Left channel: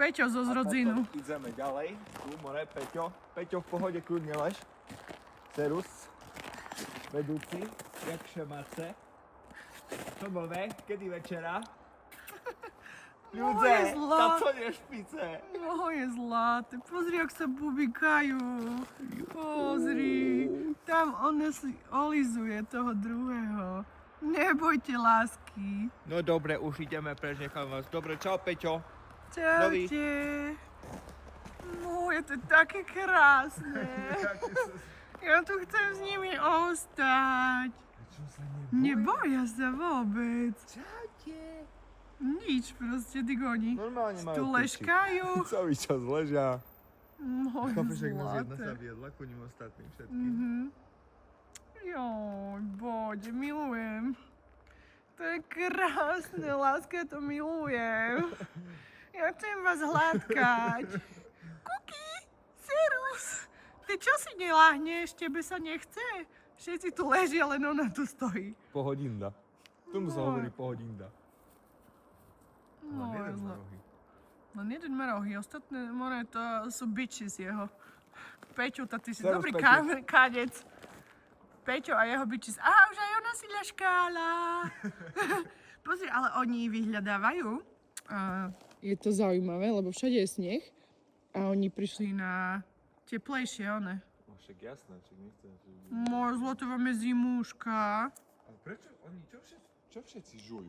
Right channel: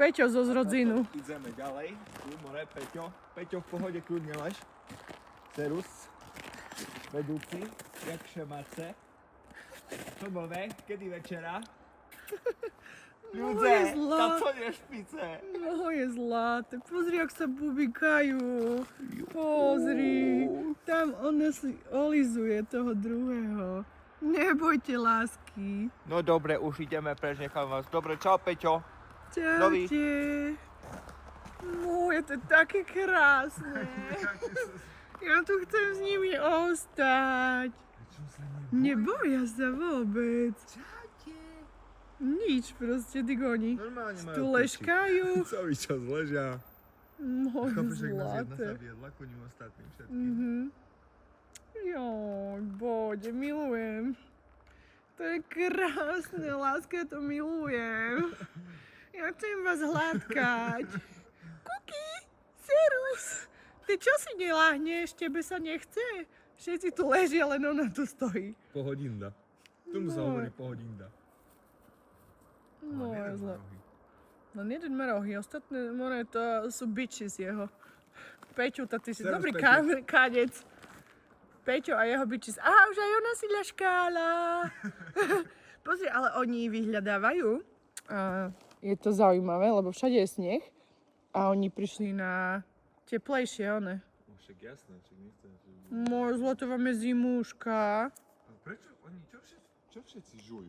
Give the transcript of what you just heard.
Peťo zo zrodzinu. Ideme ďalej. Tu, more, Peťo. Peťo, v pohode, kľudne lež. Serus. Vedúci. Jak šemáce. Čo bove? Kedy večera? Ľudze, na co je špice? Je zlaté. Pozri, jak sa bubikajú. Pozri. Tam ona si olizuje toho druhého. Nebojte, lásky. No dobre, už ideme preč, nechám vás. Dobre, čau, Peťo. Čaute. No, je to také krásne. Ja tu chcem s nimi ostať. Neboja sa vôbec. Čaute. Nič, proste, ty goni. Normálne majú Tu leškajú. Celý čas ležia. No, Chápeš, jak nás jedna zlaté. sa viedla ku ním ostatným všetkým. Joj, Bože, milujem. To je krásne, láska, to milujem. Ja chcem vás hladkať. Kuky, Serus, ty čo si neláhneš, tebe sa nechce? Všetci tu ležia, len ona tu stojí. Pohodinda. Tomu sa hovorí pohodinda. No, Len jeden je má zle. rohy. Len jeden má rohy, ostatné more to sú bitches jeho. Peťo, to ty si Serus, dobrý Peťo. kadec. Peťo a jeho bitches. Á, už aj ona si ľaškála. Pozri, ale oni vyhľadávajú. Je to zaujímavé, lebo všade je sneh. A oni prišli na teplejšie, one. No však jasné, však nechcem. Môj zlato, vám je zimúška. A prečo oni, čo všetci žujú?